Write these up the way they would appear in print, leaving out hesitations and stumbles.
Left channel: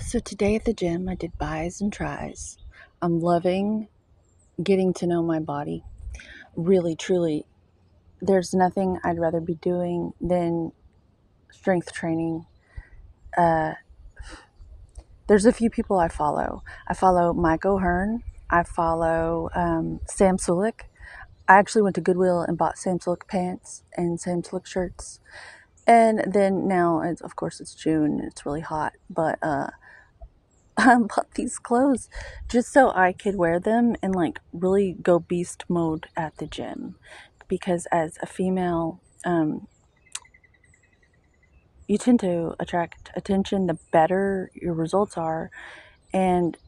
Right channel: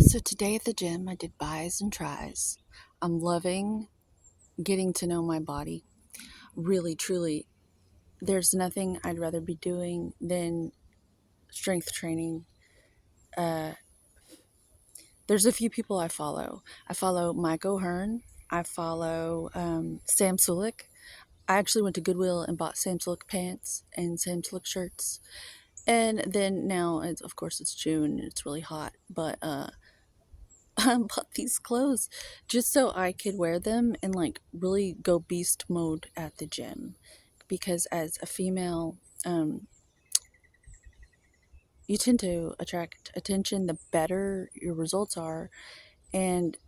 So today at the gym, I did buys and tries. I'm loving getting to know my body. Really, truly, there's nothing I'd rather be doing than strength training. Uh, there's a few people I follow. I follow Mike O'Hearn. I follow Sam Sulek. I actually went to Goodwill and bought Sam Sulek pants and Sam Sulek shirts. And then now, of course, it's June and it's really hot, but I bought these clothes just so I could wear them and like really go beast mode at the gym. Because as a female, you tend to attract attention the better your results are. And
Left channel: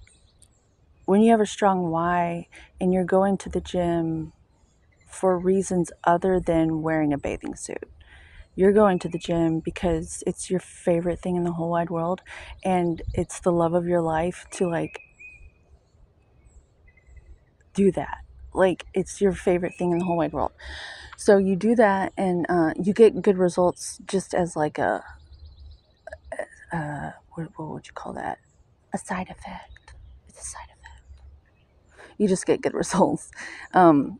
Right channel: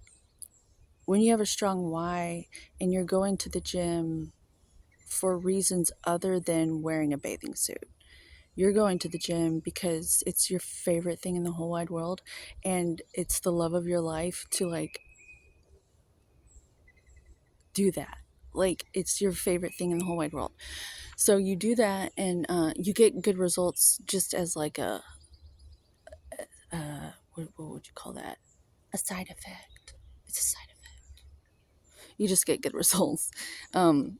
when you have a strong why and you're going to the gym for reasons other than wearing a bathing suit, you're going to the gym because it's your favorite thing in the whole wide world and it's the love of your life to like do that. Like it's your favorite thing in the whole wide world. So you do that and you get good results just as like what would you call that? A side effect. It's a side effect. You just get good results. Um,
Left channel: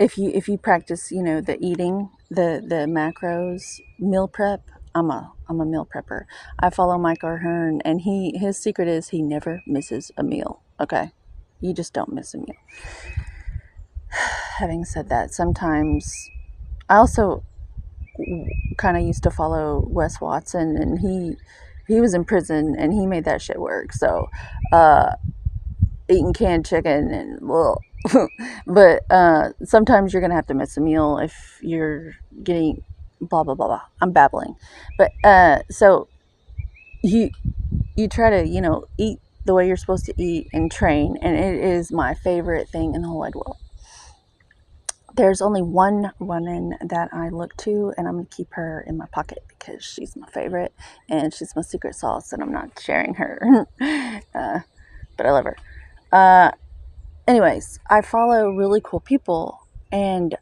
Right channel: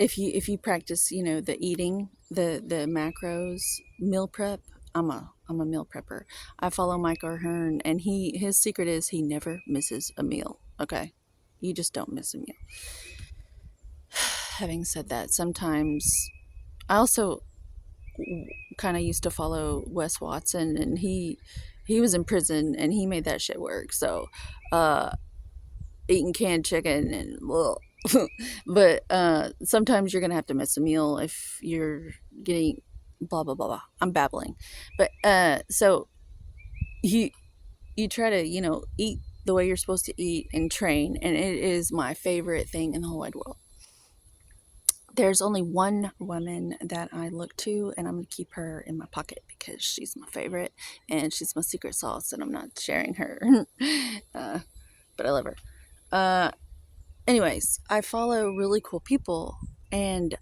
if you practice, the eating, the macros, meal prep. I'm a meal prepper. I follow Mike O'Hearn, and his secret is he never misses a meal. Okay, you just don't miss a meal. Having said that, sometimes I also kind of used to follow Wes Watson, and he was in prison and he made that shit work. So, uh, eating canned chicken and well, but sometimes you're gonna have to miss a meal if you're getting blah blah blah blah. I'm babbling, but so you you try to eat the way you're supposed to eat and train, and it is my favorite thing in the whole wide world. There's only one woman that I look to, and I'm going to keep her in my pocket because she's my favorite and she's my secret sauce, and I'm not sharing her. But I love her. Uh, Anyways, I follow really cool people and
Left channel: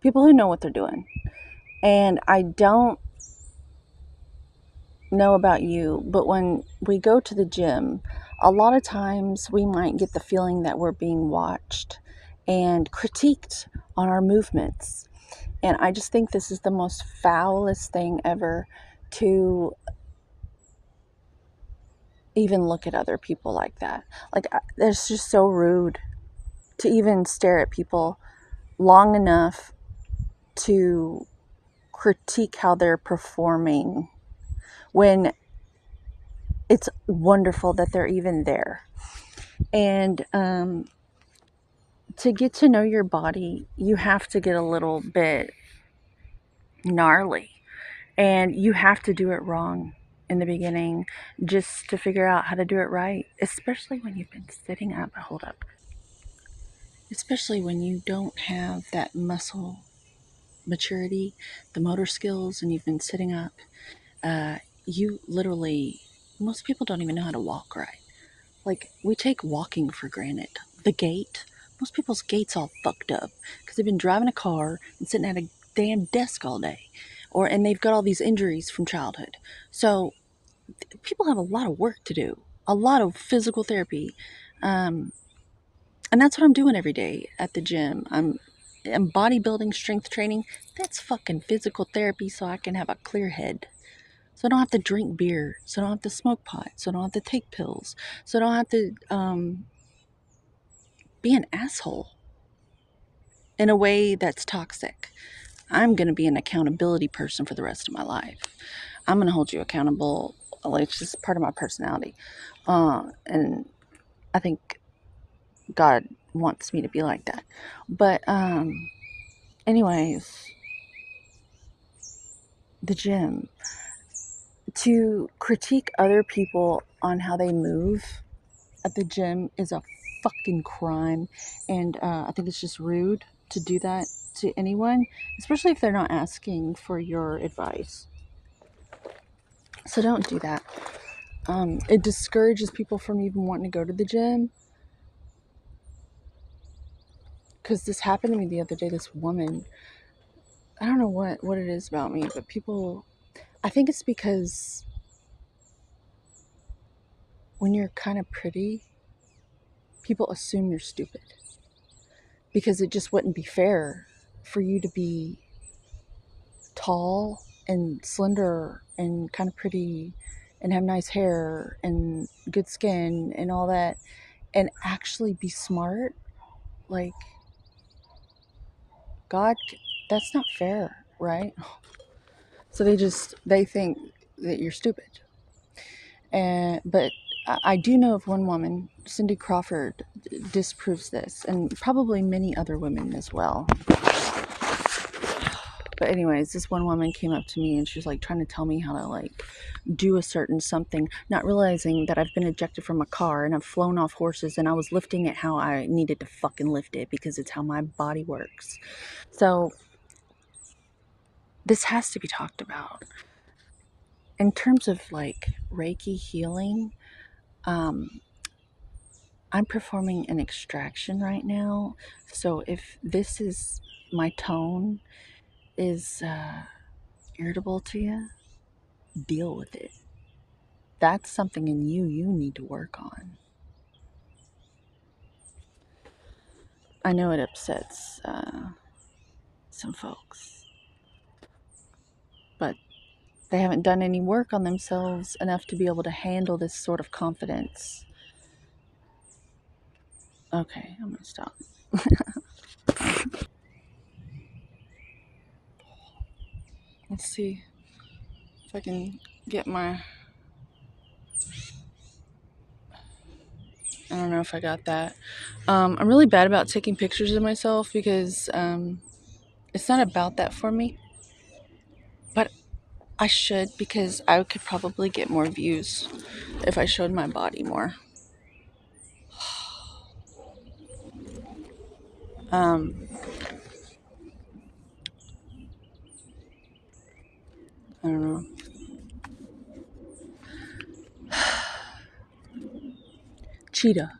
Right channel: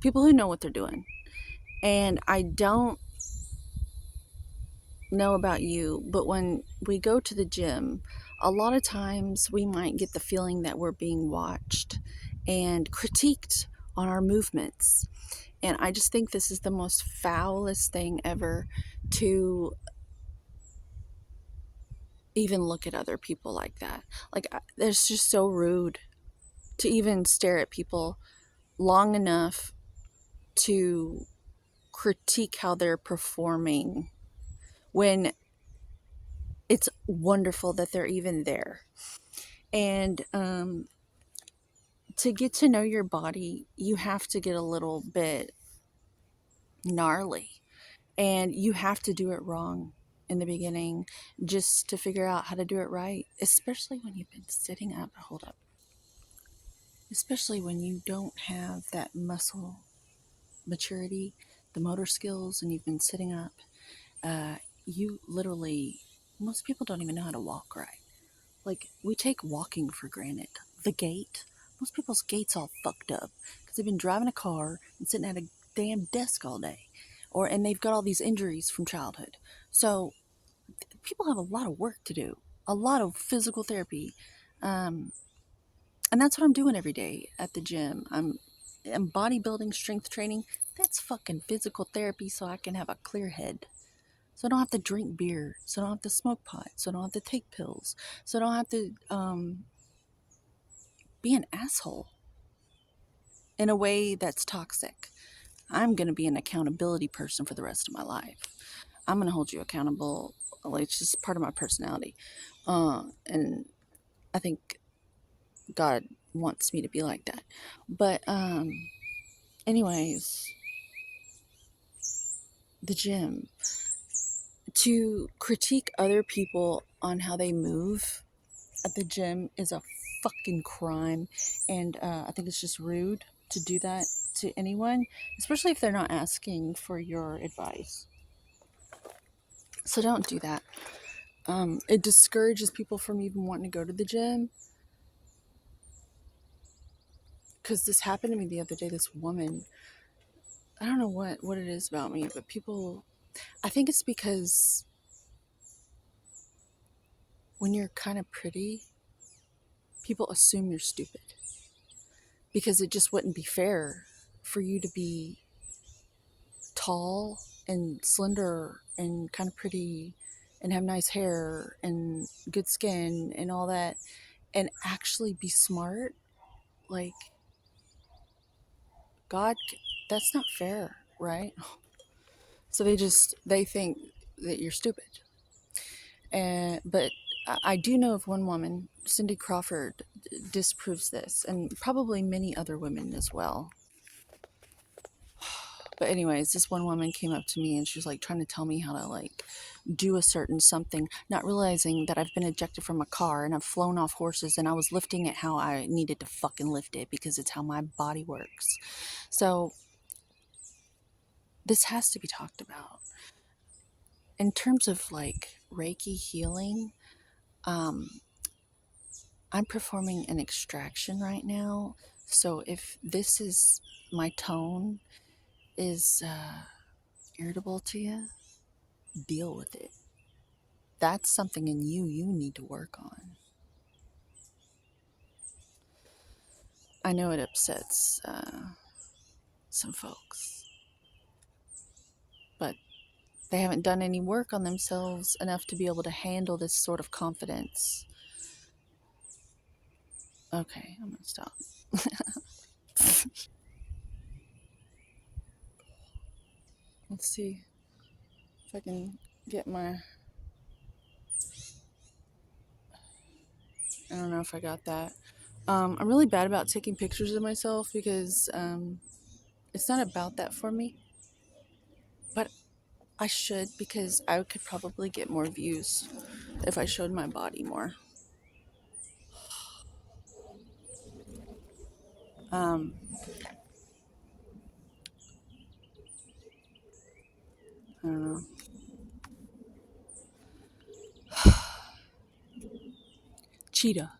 people who know what they're doing. And I don't know about you, but when we go to the gym, a lot of times we might get the feeling that we're being watched and critiqued on our movements. And I just think this is the most foulest thing ever to even look at other people like that. Like, that's just so rude to even stare at people long enough to critique how they're performing when it's wonderful that they're even there. And to get to know your body, you have to get a little bit gnarly and you have to do it wrong in the beginning just to figure out how to do it right, especially when you've been sitting up. Hold up. Especially when you don't have that muscle maturity, the motor skills, and you've been sitting up. Uh, you literally, most people don't even know how to walk right. Like, we take walking for granted. The gait, most people's gait's all fucked up because they've been driving a car and sitting at a damn desk all day. And they've got all these injuries from childhood. So people have a lot of work to do, a lot of physical therapy. Um, and that's what I'm doing every day at the gym. I'm bodybuilding, strength training. That's fucking physical therapy so I can have a clear head. So I don't have to drink beer. So I don't have to smoke pot. So I don't have to take pills. So I don't have to be an asshole in a way that's toxic. I'm going to be an accountability person for the rest of my life. I'm going to hold you accountable. Like, it's just part of my personality. And I think God wants me to be like that. But, anyways, the gym. To critique other people on how they move at the gym is a fucking crime. And I think it's just rude to do that to anyone, especially if they're not asking for your advice. So don't do that. It discourages people from even wanting to go to the gym. Because this happened to me the other day. This woman, I don't know what it is about me, but people, I think it's because when you're kind of pretty, people assume you're stupid because it just wouldn't be fair for you to be tall and slender and kind of pretty and have nice hair and good skin and all that and actually be smart. Like, God, that's not fair, right? So they think that you're stupid. But I do know of one woman, Cindy Crawford, disproves this, and probably many other women as well. But anyways, this one woman came up to me and she was like trying to tell me how to like do a certain something, not realizing that I've been ejected from a car and I've flown off horses and I was lifting it how I needed to fucking lift it because it's how my body works. So this has to be talked about. In terms of like Reiki healing, I'm performing an extraction right now. So if this is my tone is irritable to you, deal with it. That's something in you need to work on. I know it upsets some folks, but they haven't done any work on themselves enough to be able to handle this sort of confidence. Okay, I'm gonna stop. Let's see if I can get my... I don't know if I got that. I'm really bad about taking pictures of myself because it's not about that for me. But I should, because I could probably get more views if I showed my body more. I don't know. Cheetah.